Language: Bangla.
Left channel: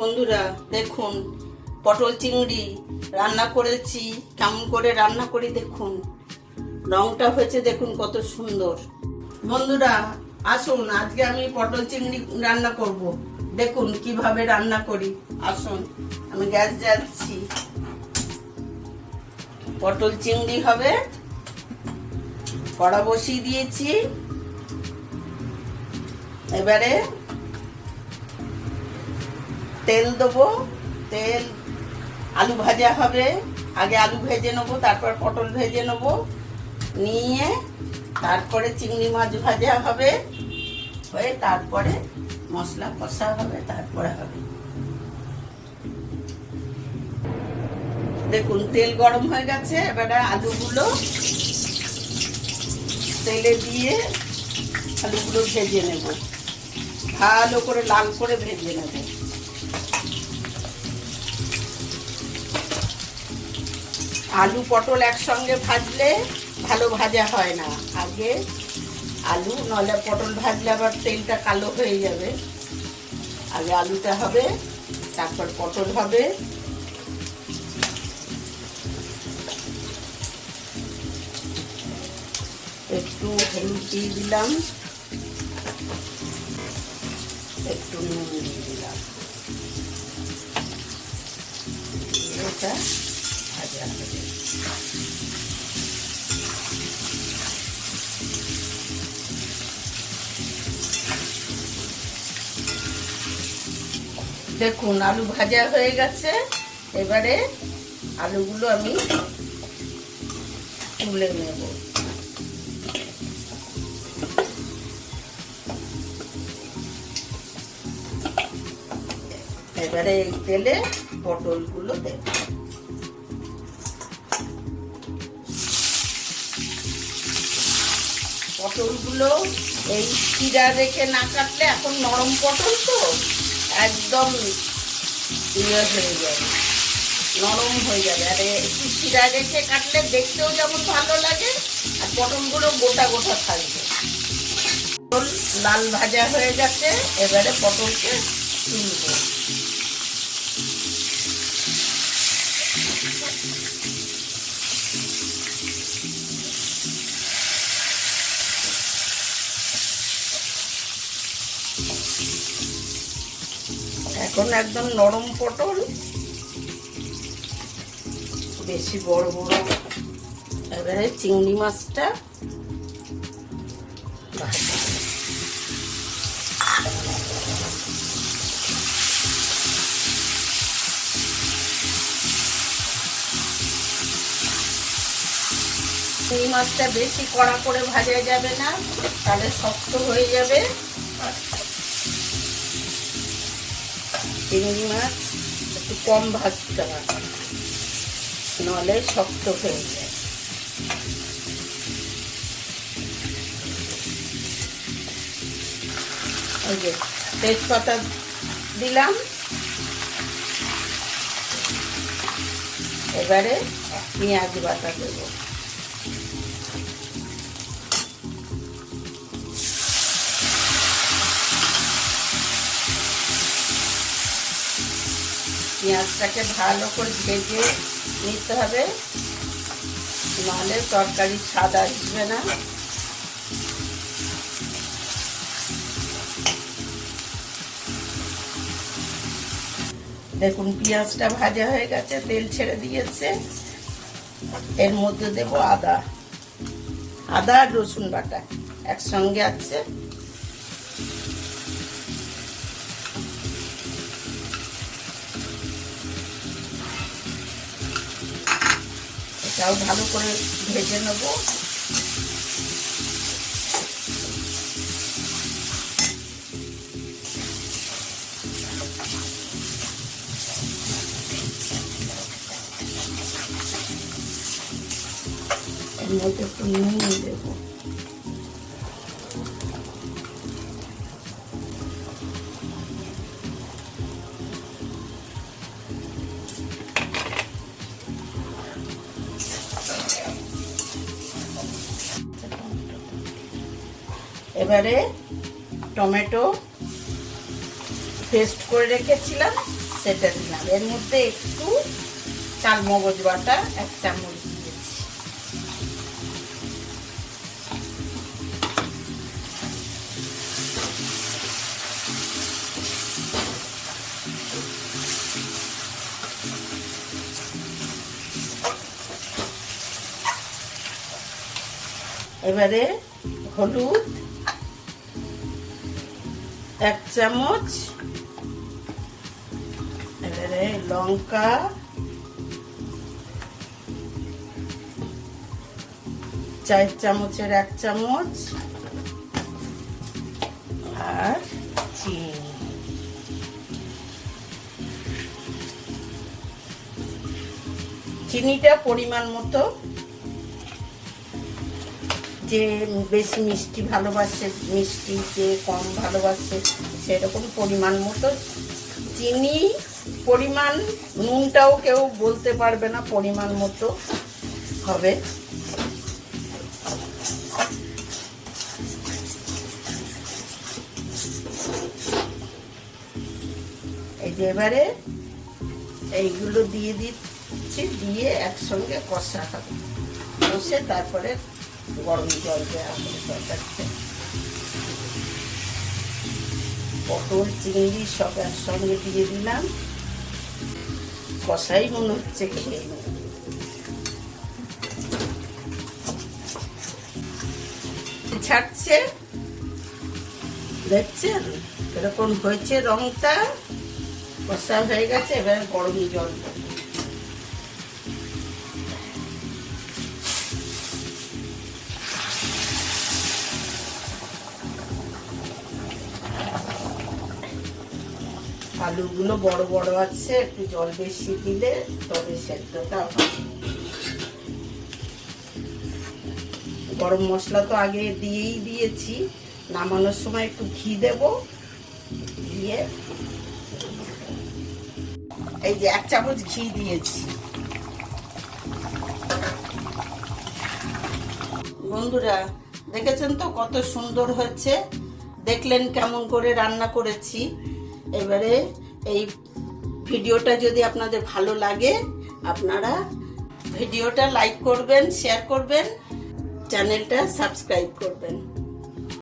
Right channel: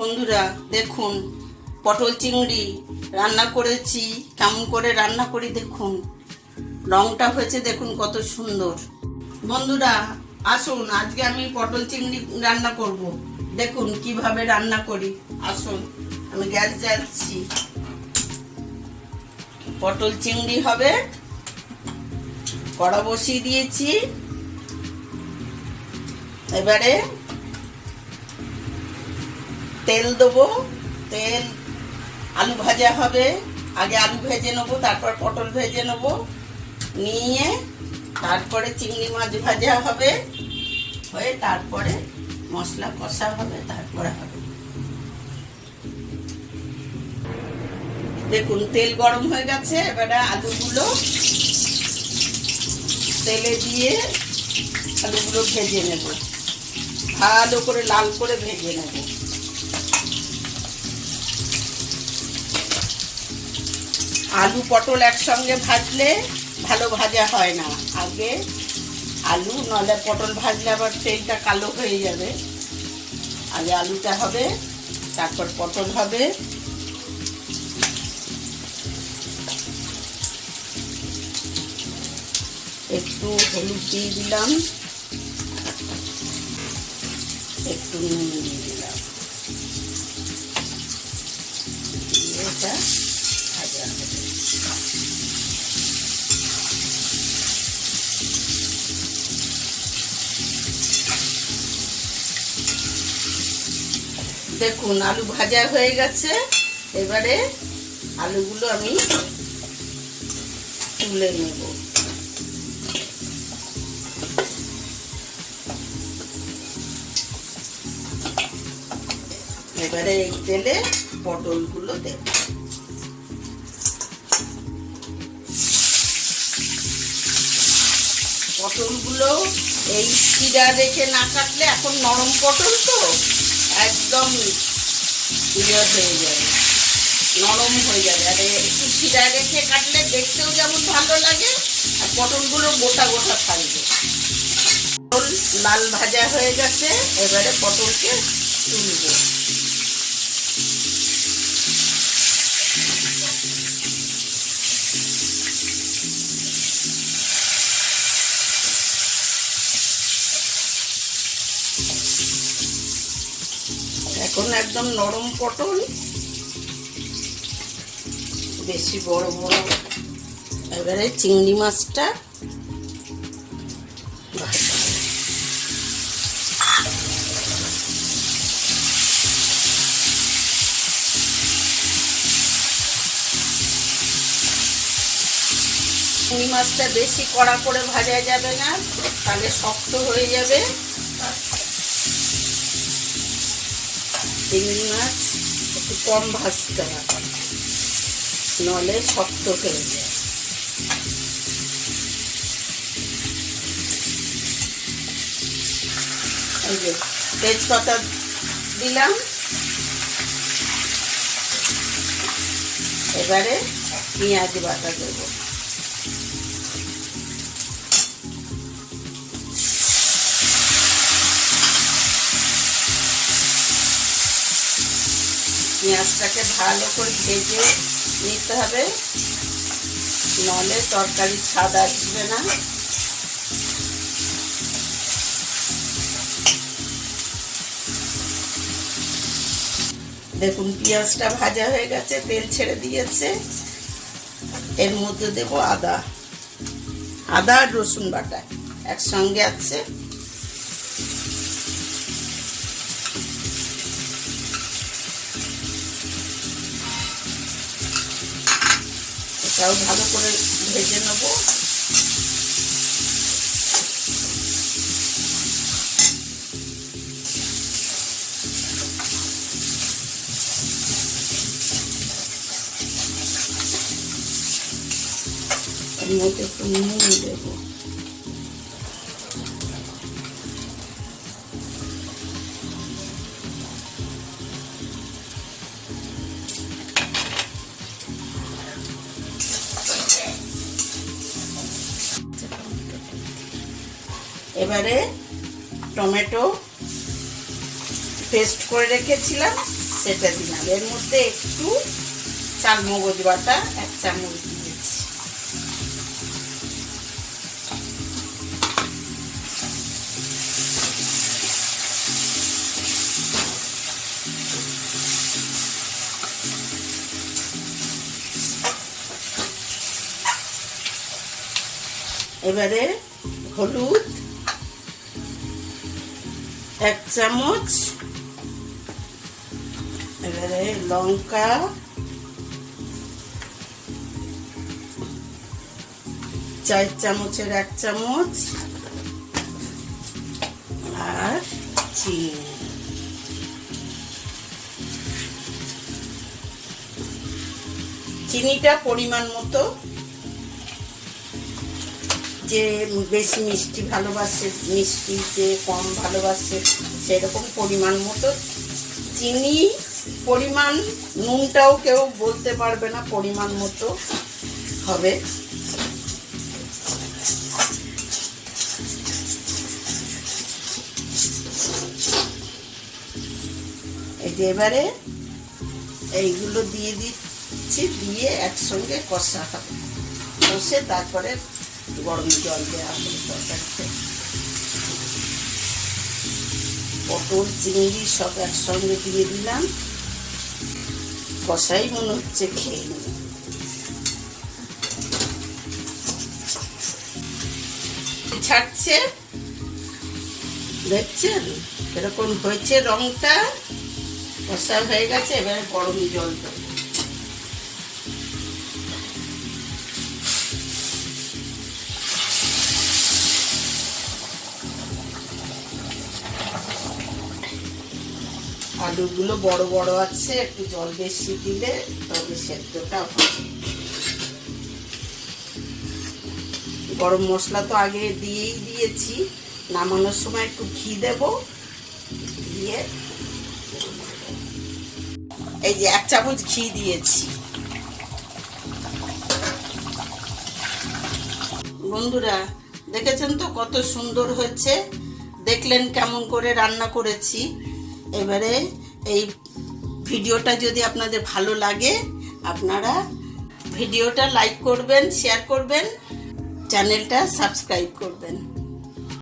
বন্ধুরা দেখুন, পটল চিংড়ি রান্না করেছি। কেমন করে রান্না করি দেখুন, রংটা হয়েছে দেখুন কত সুন্দর। বন্ধুরা আসুন, আজকে আমি পটল চিংড়ি রান্না করব। দেখুন কিভাবে রান্না করি। আসুন, আমি গ্যাস জ্বালছি। পটল চিংড়ি হবে, কড়া বসিয়ে দিয়েছি। এবারে তেল দেবো। তেল, আলু ভাজা হবে। আগে আলু ভেজে নেবো, তারপর পটল ভেজে নেবো। নিয়ে তারপরে চিংড়ি মাছ ভাজা হবে, হয়ে তারপরে মশলা কষা হবে, তারপরে হবে। দেখুন তেল গরম হয়ে গেছে। এবারে আলুগুলো তেলে দিয়ে আলুগুলো ভেজে নেব, ভালো করে লাল করে ভেজে নেব। আলু পটল একসঙ্গে ভাজলে ভালো ভাজা হয় না। আগে আলু, নইলে পটল ভাজলে আবার তেলটা কালো হয়ে যাবে। আগে আলুটা হবে, তারপর পটল হবে। একটু হলুদ দিয়ে দিলাম, একটু নুন দিয়ে দিলাম। এটা ভাজা হবে। দেখুন আলু ভাজা হয়ে গেছে। এবারে আলুগুলো আমি তুলে নেব। এবারে এই তেলে পটলগুলো দেব। পটলগুলো এই শিরা রেখে না কাটলে, এখন নরম পটল তো একদম ইয়ে হয়ে যাবে, নরম হয়ে যাবে। আর একটু শিরা রেখে কাটলে দেখতেও যেমন ভালো লাগে, আর পটলগুলো গোটা গোটা থাকবে। পটল লাল ভাজা হয়ে গেছে। এবারে পটলকে তুলব। এখন একদম নরম পটল, বেশি বড় বড়। এবারে চিংড়ি মাছটা চিংড়ি মাছটা বেশি কড়া করে ভাজা যাবে না, তাহলে শক্ত হয়ে যাবে। চিংড়ি মাছ একটু কম ভাজতে হয়, নাহলে শক্ত হয়ে যায়। এই যে তেজপাতা দিলাম। এবারে পেঁয়াজ বাটা দেবো। পেঁয়াজটাকে ভালো করে ভেজে নিতে হবে, নাহলে তরকারি স্বাদ আসবে না। দেখুন পেঁয়াজটা ভাজা হয়ে গেছে, তেল ছেড়ে দিয়েছে। এর মধ্যে দেব আদা আর রসুন বাটা একসঙ্গে আছে। এটাও ভালো করে ভেজে নেব। এর মধ্যে একটু নুন দেব। এবারে টমেটো পেস্ট করে রেখেছিলাম সেটা দিলাম। এর মধ্যে একটু চালমগজ বাটা 1 চামচ দিয়েছি। এবারে হলুদ 1 চামচ, এবারে লঙ্কা 4 চামচের 1 চামচ, আর চিনিটা পরিমাণ মতো, যে বেশি মিষ্টি ভালোবাসে, মিষ্টি যে কম ভালোবাসে সেরকম পরিমাণ মতো চিনি। পরিমাণ নুনটাও কেউ বলতে পারবে না, পরিমাণ মতো হবে। এই যে এবারে এইগুলো দিয়ে দিচ্ছি, দিয়ে একসঙ্গে কষা হবে। কষে তারপরে গরম জল দেওয়া হবে তরকারিতে। পটল চিংড়ি সব একসঙ্গে দিয়ে দিলাম। কষাই মনে হচ্ছে খেয়ে নেব। ছাড়ছে, দেখছেন এরকম হয়েছে, রংটা কষা হয়ে গেছে। এবারে গরম জল দেব। আলুগুলো বড় বড় আছে, একটু জল বেশি দিলে তবে সেদ্ধটা হবে। গরম মশলা তো আগে দিয়েই দিয়েছি। নামানোর সময় একটু ঘি দেব, দিয়ে এই যে 1 চামচ ঘি দিয়েছি। বন্ধুরা দেখেছেন তো কত সুন্দর হয়েছে, দেখলেন কেমন করে রান্না করেছি। এবারে এই ভিডিওটা যদি আপনাদের ভালো লাগে, আপনারা ভিডিওটা লাইক করবেন, শেয়ার করবেন, চ্যানেলটা সাবস্ক্রাইব করবেন।